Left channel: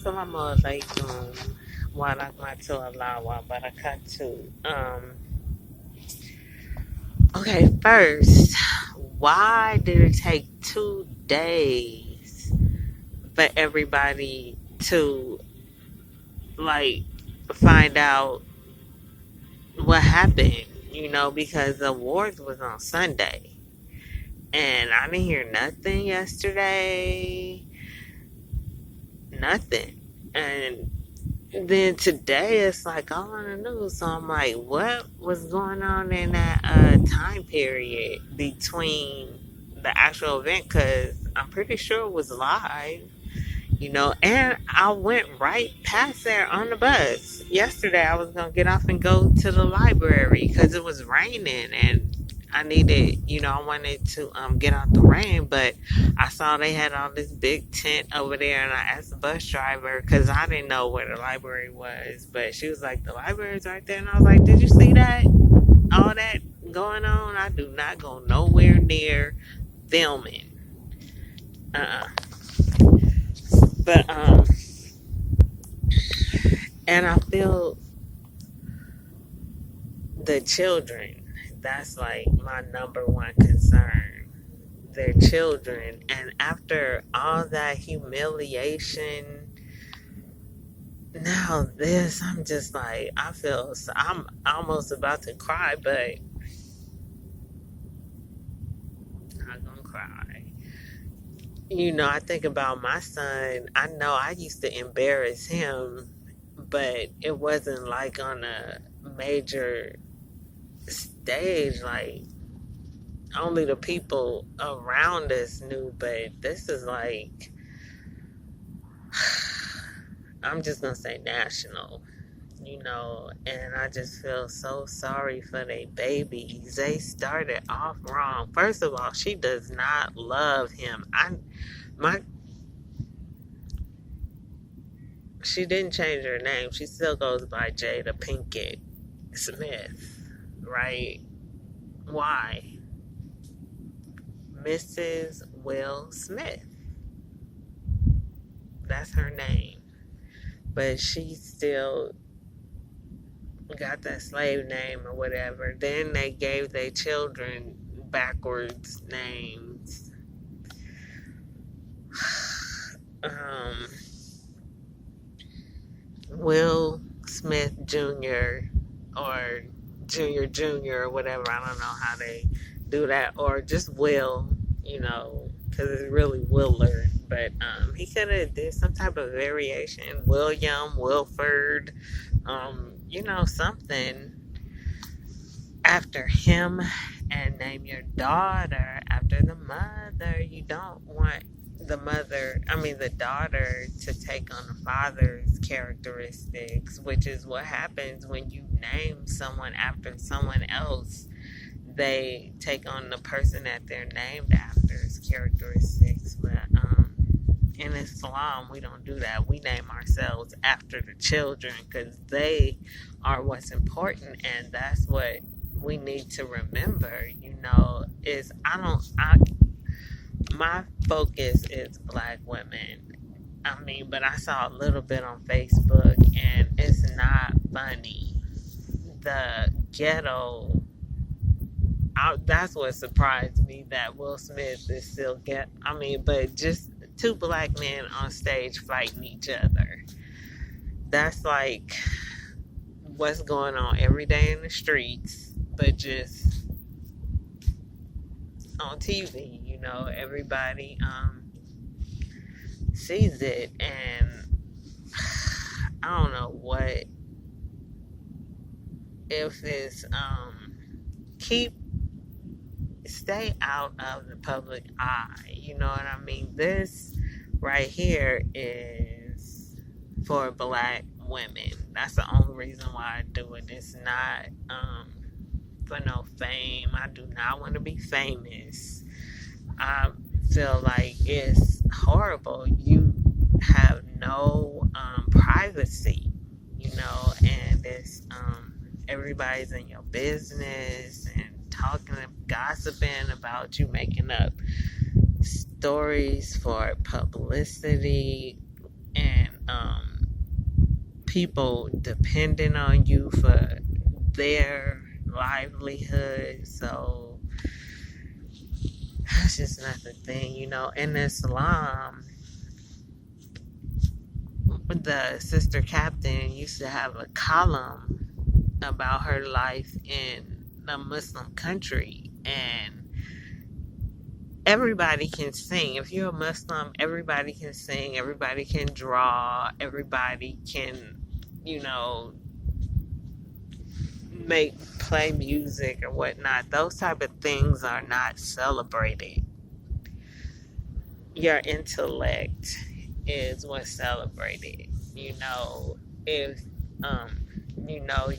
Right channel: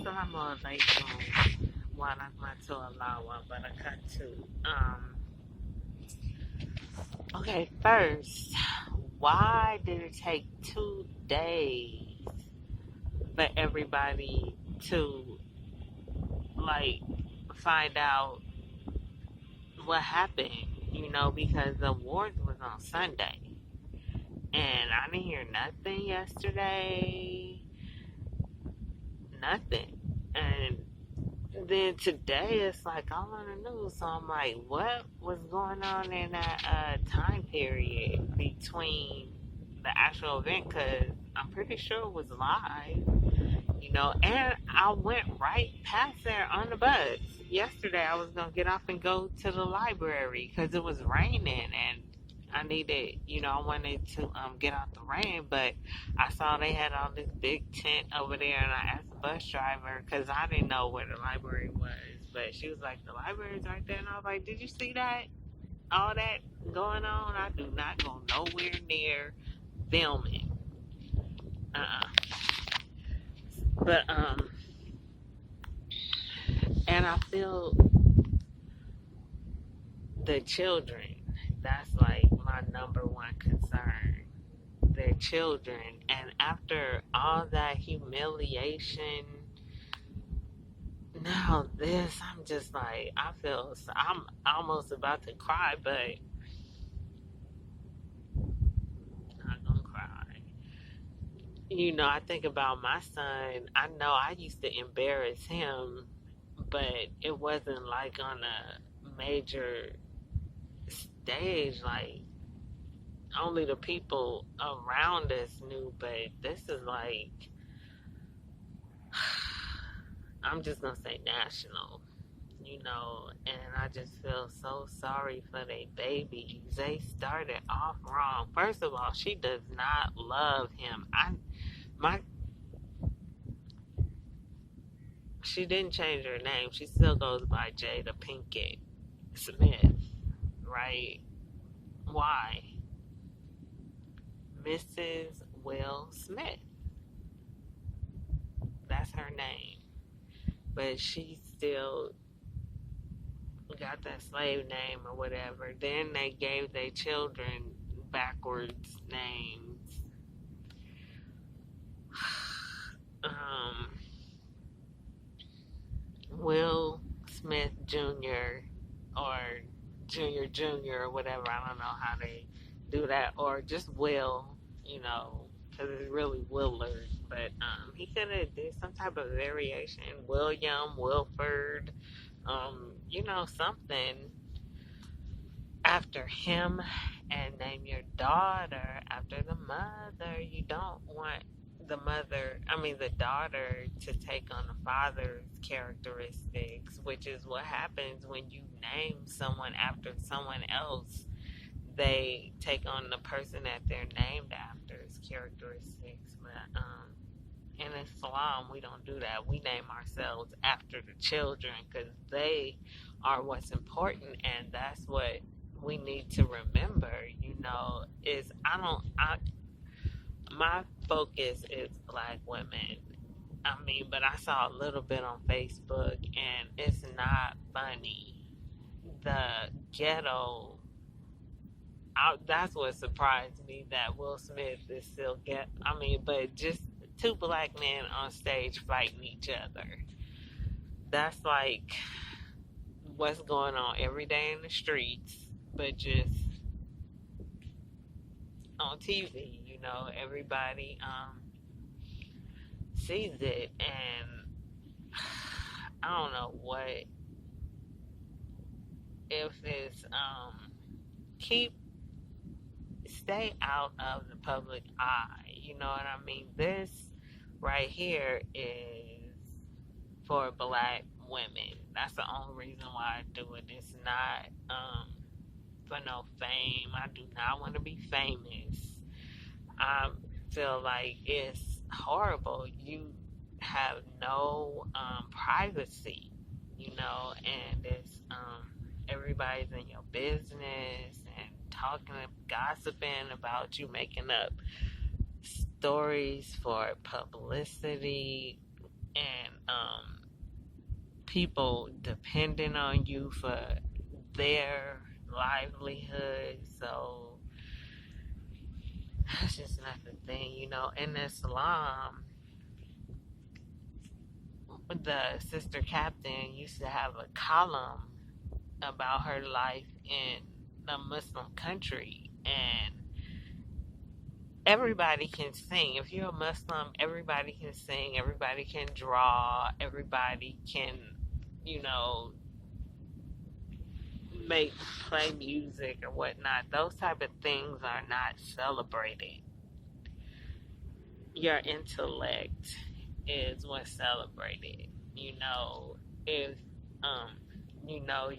Assalamu alaikum wa rahmatullahi wa barakatuh. Okay, first, why did it take 2 days for everybody to like find out what happened? Because the awards was on Sunday, and I didn't hear nothing yesterday, nothing, and then today it's like all on the news. So I'm like, what was going on in that time period between the actual event? Because I'm pretty sure it was live, and I went right past there on the bus. Yesterday, I was going to get off and go to the library because it was raining and I needed, I wanted to get out the rain, but I saw they had all this big tent over there, and I asked the bus driver because I didn't know where the library was, but she was like, the library's right there, and I was like, did you see that? All that going on? I do not go nowhere near filming. Uh-uh. But and I feel the children, that's like my number one concern. Their children. And after all that humiliation, now this, I'm just like, I'm almost about to cry, but I'm not gonna cry. I think about my son. I know I used to embarrass him, but it wasn't like on a major stage, like only the people around us knew. But this is like, I'm just gonna say national, and I just feel so sorry for they babies. They started off wrong. First of all, she does not love him. My she didn't change her name. She still goes by Jada Pinkett Smith, right? Why? Mrs. Will Smith. That's her name. But she still got that slave name or whatever. Then they gave their children backwards names. Will Smith Jr. or Junior or whatever. I don't know how they do that. Or just Will, because it's really Willard. But he could have did some type of variation. William, Wilford, something after him, and name your daughter after the mother. You don't want the daughter to take on the father's characteristics, which is what happens when you name someone after someone else. They take on the person that they're named after's characteristics. But in Islam, we don't do that. We name ourselves after the children because they are what's important, and that's what we need to remember. Is my focus is black women. But I saw a little bit on Facebook, and it's not funny. The ghetto. That's what surprised me, that Will Smith is still but just two black men on stage fighting each other. That's like what's going on every day in the streets, but just on TV. Everybody sees it, and I don't know what if it's stay out of the public eye. You know what I mean? This right here is for black women. That's the only reason why I do it. It's not for no fame. I do not want to be famous. I feel like it's horrible. You have no privacy, and it's everybody's in your business and talking and gossiping about you, making up stories for publicity, and people depending on you for their livelihood. So that's just not the thing, In Islam, the sister captain used to have a column about her life in a Muslim country, and everybody can sing. If you're a Muslim, everybody can sing, everybody can draw, everybody can, you know, play music or whatnot. Those type of things are not celebrated. Your intellect is what's celebrated. If um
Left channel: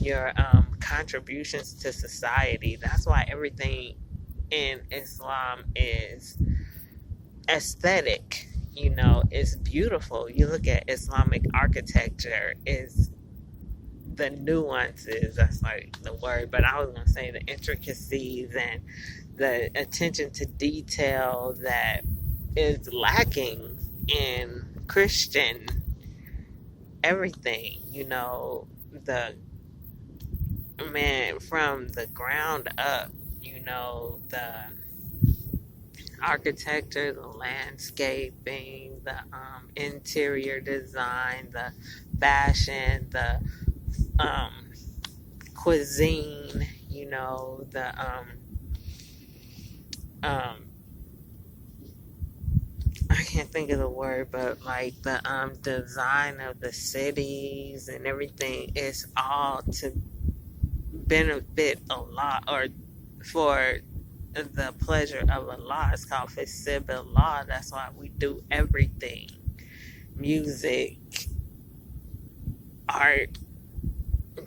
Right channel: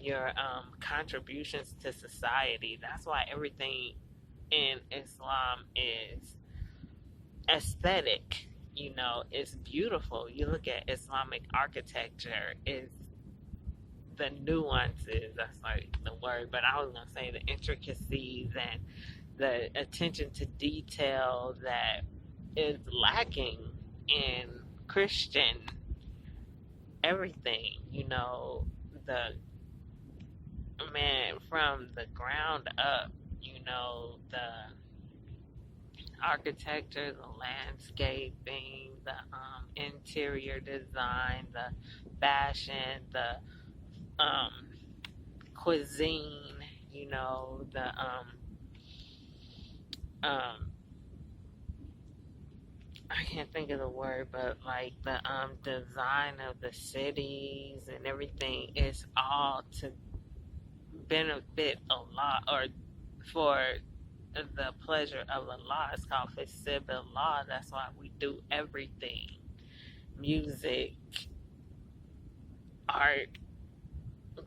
your contributions to society. That's why everything in Islam is aesthetic. It's beautiful. You look at Islamic architecture, is the nuances, that's like the word, but I was going to say the intricacies and the attention to detail that is lacking in Christian everything. The man from the ground up, the architecture, the landscaping, the interior design, the fashion, the um, cuisine, the I can't think of the word, but like the design of the cities and everything is all to benefit Allah, or for the pleasure of Allah. It's called Fisib Allah. That's why we do everything: music, art,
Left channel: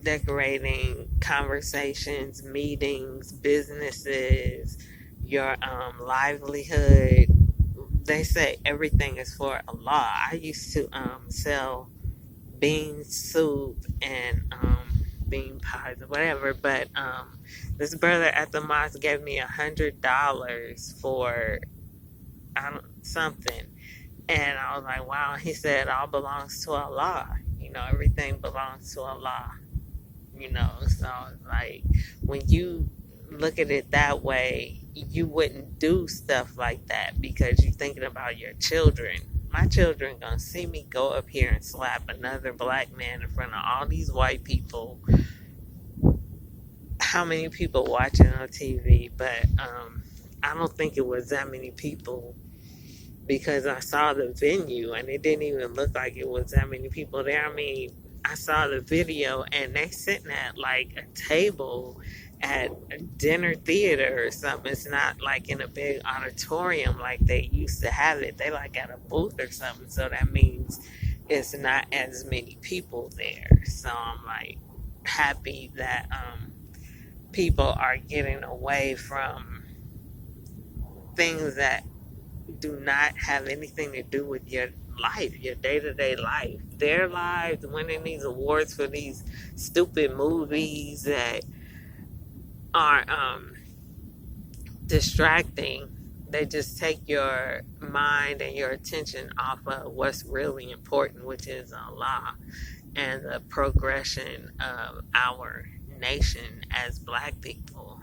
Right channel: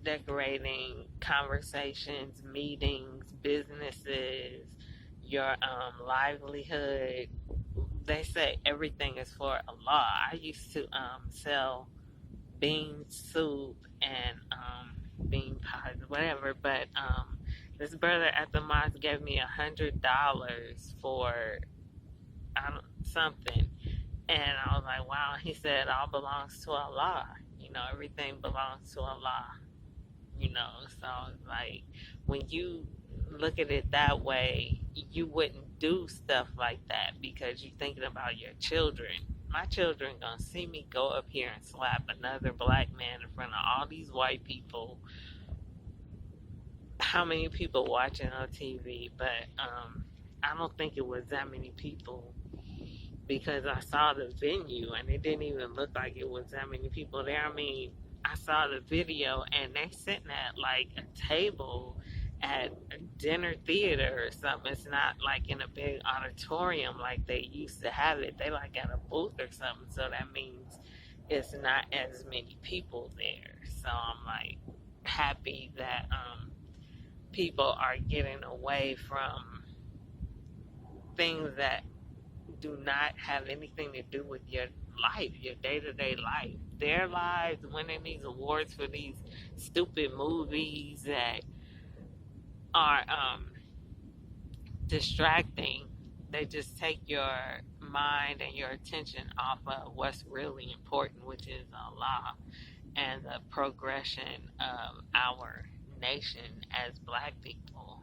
decorating, conversations, meetings, businesses, your livelihood. They say everything is for Allah. I used to sell bean soup and bean pies or whatever, but this brother at the mosque gave me $100 for something, and I was like, wow. He said, all belongs to Allah. Everything belongs to Allah. So like, when you look at it that way, you wouldn't do stuff like that because you're thinking about your children. My children gonna see me go up here and slap another black man in front of all these white people. How many people watching on TV? But I don't think it was that many people, because I saw the venue and it didn't even look like it was that many people there. I mean, I saw the video and they sitting at like a table at a dinner theater or something. It's not like in a big auditorium like they used to have it. They like at a booth or something. So that means it's not as many people there. So I'm like happy that people are getting away from things that do not have anything to do with your life, your day-to-day life. Their lives, winning these awards for these stupid movies that are distracting. They just take your mind and your attention off of what's really important, which is Allah and the progression of our nation as black people.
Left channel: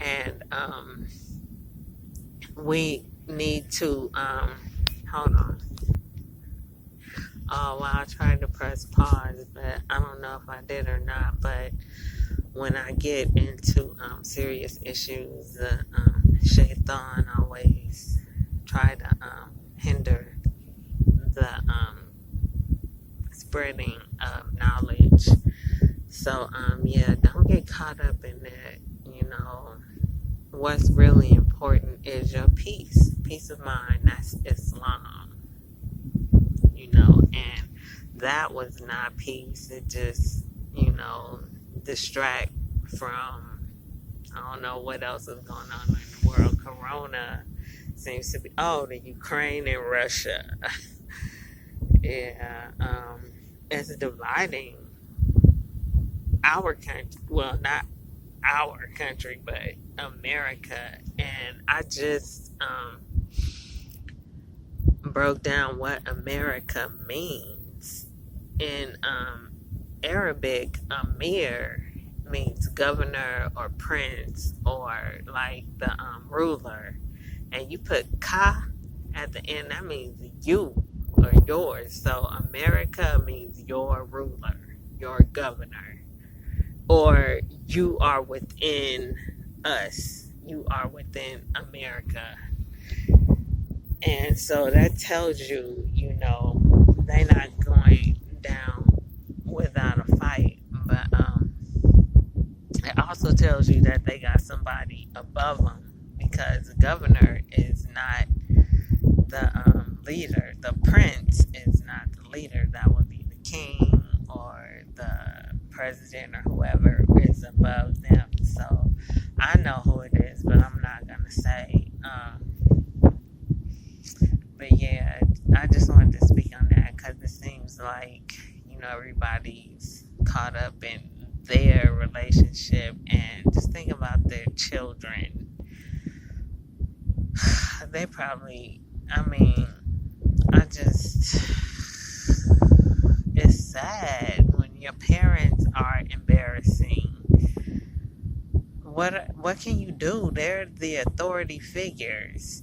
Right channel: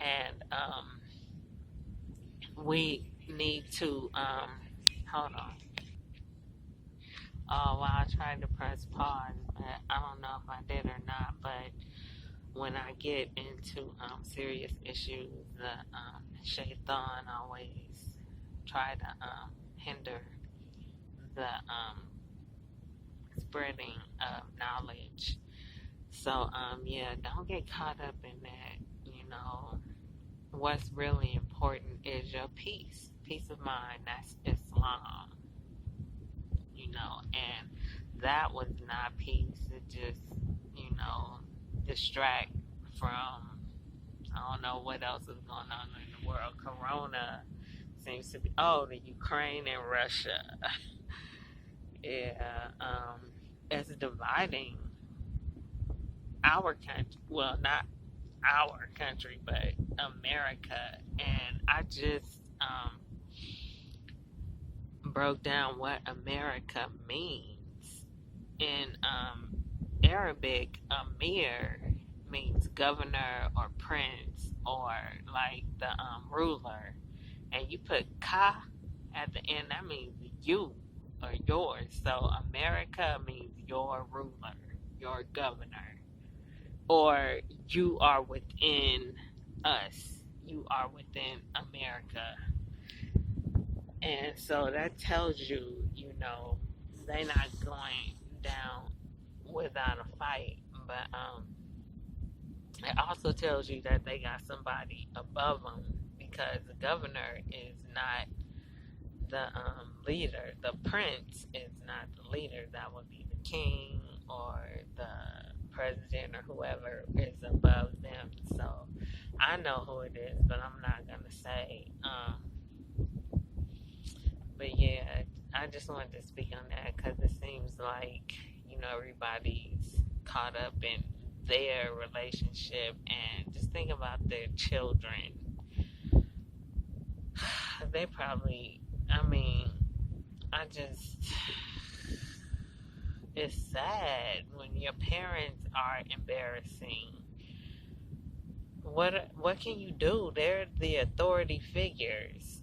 And we need to hold on. Oh wow, I tried to press pause, but I don't know if I did or not. But when I get into serious issues, the shaitan always try to hinder the spreading of knowledge. So yeah, don't get caught up in that. What's really important is your peace of mind. That's Islam. And that was not peace. It just, distract from, I don't know what else is going on in the world. Corona seems to be, the Ukraine and Russia. Yeah, it's dividing our country. Well, not our country, but America. And I just broke down what America means. In Arabic, Amir means governor or prince or like the ruler. And you put ka at the end, that means you or yours. So America means your ruler, your governor, or you are within us. You are within America. And so that tells you, they're not going down without a fight. But it also tells you that they got somebody above them because the governor is not the leader. The prince is not the leader. That would be the king or the president or whoever is above them. So I know who it is, but I'm not going to say. But yeah, I just wanted to speak on that because it seems like, everybody's caught up in their relationship and just think about their children. They probably, I mean, it's sad when your parents are embarrassing. What can you do? They're the authority figures.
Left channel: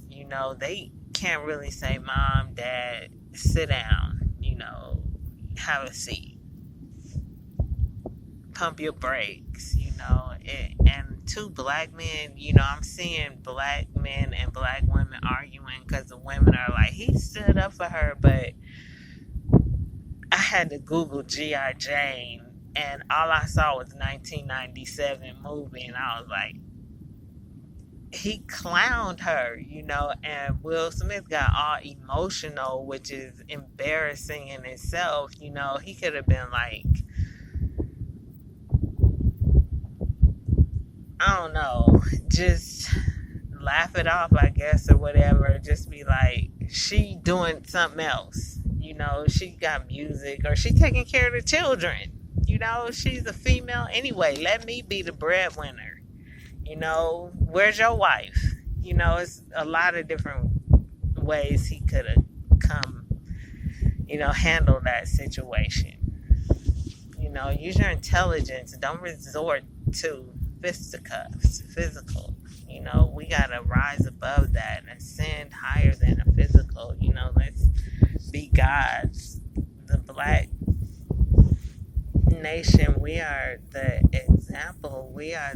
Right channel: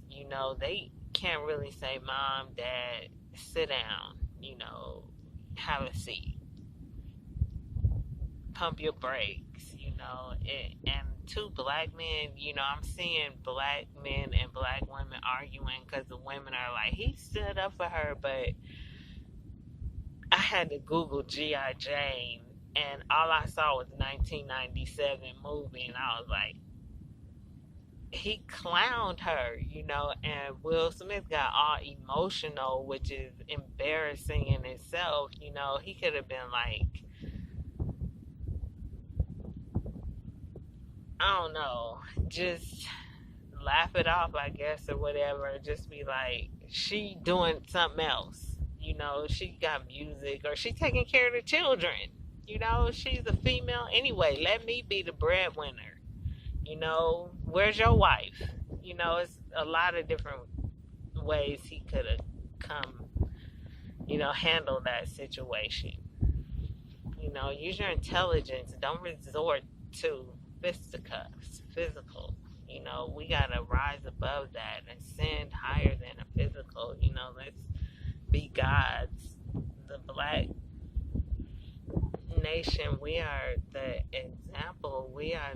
They can't really say, "Mom, Dad, sit down." Have a seat. Pump your brakes. And two black men. I'm seeing black men and black women arguing because the women are like, "He stood up for her," but I had to Google G.I. Jane, and all I saw was 1997 movie, and I was like, he clowned her, and Will Smith got all emotional, which is embarrassing in itself. He could have been like, I don't know, just laugh it off, I guess, or whatever. Just be like, she doing something else. She got music or she taking care of the children. She's a female anyway. Let me be the breadwinner. Where's your wife? It's a lot of different ways he could have come, handle that situation. Use your intelligence. Don't resort to fisticuffs, physical. We gotta rise above that and ascend higher than a physical. Let's be gods. The black nation, we are the example. We are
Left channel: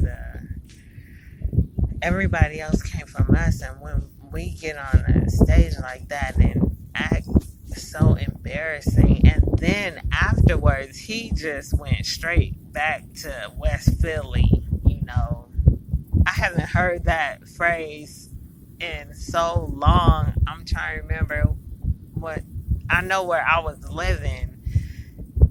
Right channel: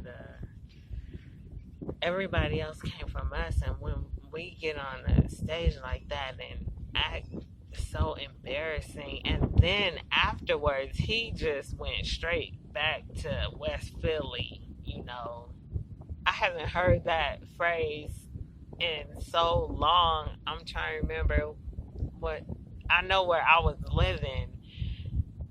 everybody else came from us, and when we get on a stage like that and act so embarrassing, and then afterwards he just went straight back to West Philly. I haven't heard that phrase in so long. I'm trying to remember what I know where I was living,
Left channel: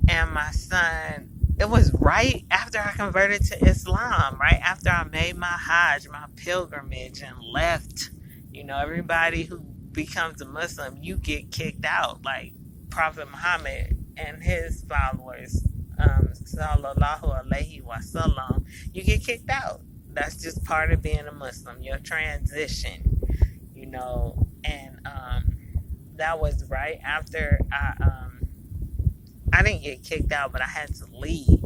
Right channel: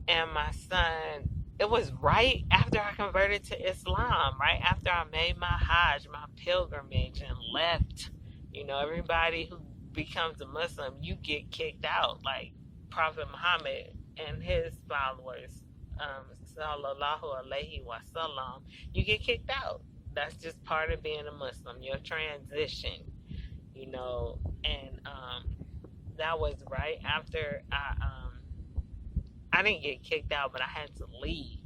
and my son, it was right after I converted to Islam, right after I made my Hajj, my pilgrimage, and left. Everybody who becomes a Muslim, you get kicked out. Like Prophet Muhammad and his followers, sallallahu alaihi wasallam, you get kicked out. That's just part of being a Muslim, your transition, and that was right after I didn't get kicked out, but I had to leave,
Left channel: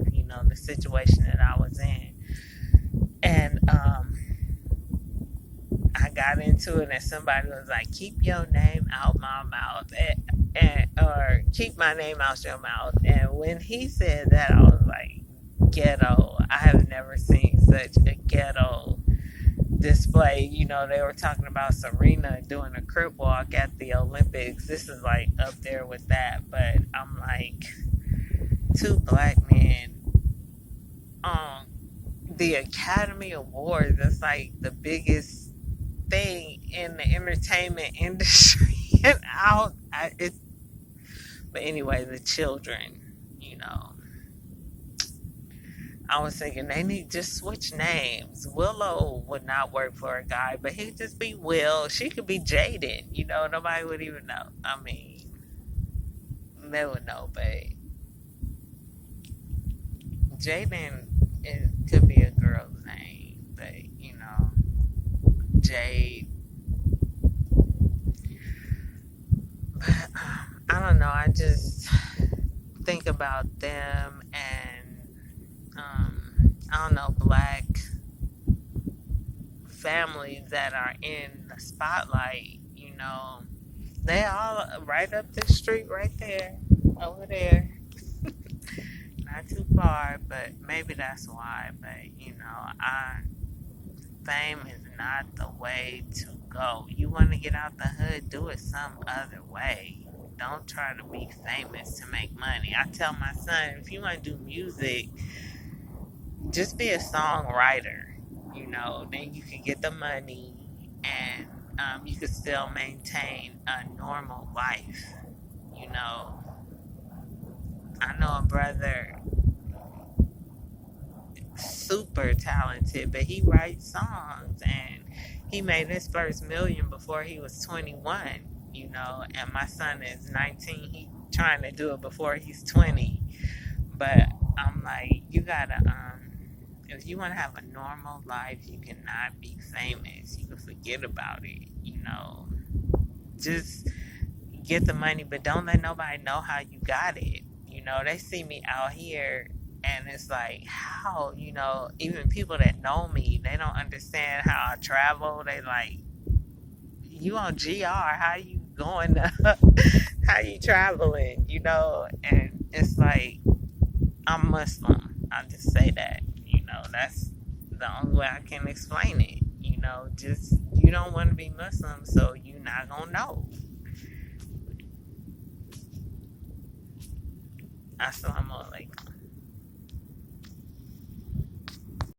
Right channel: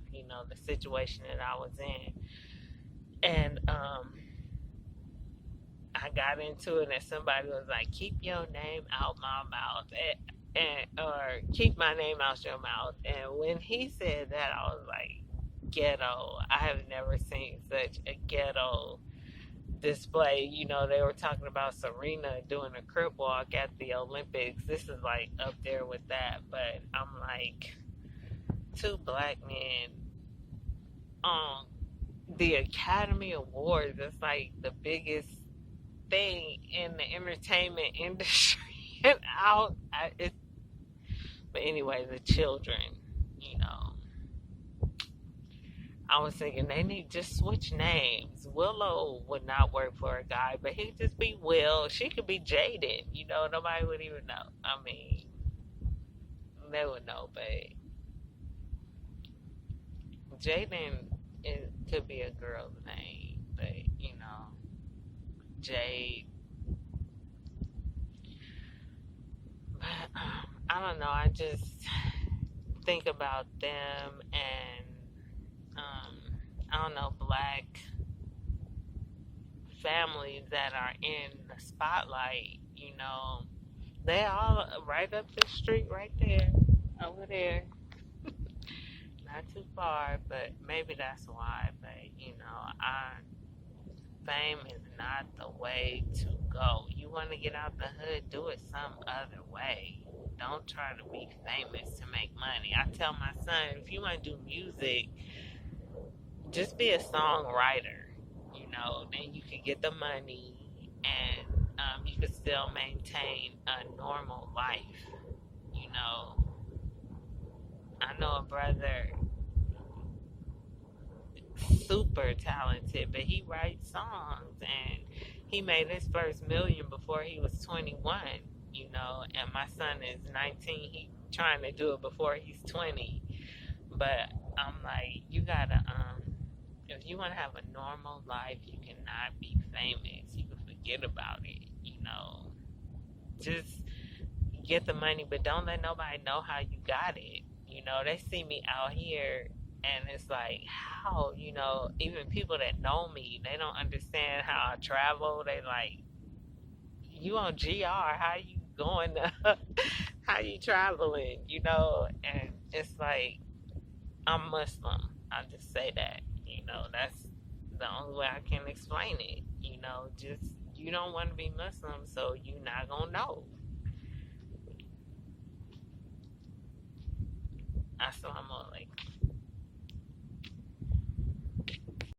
the situation that I was in. And I got into it, and somebody was like, keep your name out my mouth, or keep my name out your mouth. And when he said that, I was like, ghetto. I have never seen such a ghetto display. They were talking about Serena doing a crip walk at the Olympics. This is like up there with that, but I'm like, two black men on the Academy Awards. That's like the biggest thing in the entertainment industry. And but anyway, the children, I was thinking they need just switch names. Willow would not work for a guy, but he'd just be Will. She could be Jaden. Nobody would even know. I mean, they would know, but Jaden, it could be a girl's name, but Jade. But I don't know. I just think about them and I don't know, black families that are in the spotlight, they all right up the street right there, over there. Not too far, but maybe that's why. But fame is not the way to go. You want to get out the hood, do it some other way. Don't try to be famous to make money. I tell my son, if you want to do music, just be a songwriter. Then you can get the money and you can still maintain a normal life. You know, I know a brother super talented, but he writes songs and he made his first million before he was 21, and my son is 19. He trying to do it before he's 20. But I'm like, you gotta, if you want to have a normal life, you cannot be famous. You can forget about it, just get the money, but don't let nobody know how you got it. They see me out here and it's like, how, even people that know me, they don't understand how I travel. They like, you on GR, how you going to, how you traveling, and it's like, I'm Muslim. I'll just say that, that's the only way I can explain it, just, you don't want to be Muslim, so you're not going to know. Assalamu alaikum.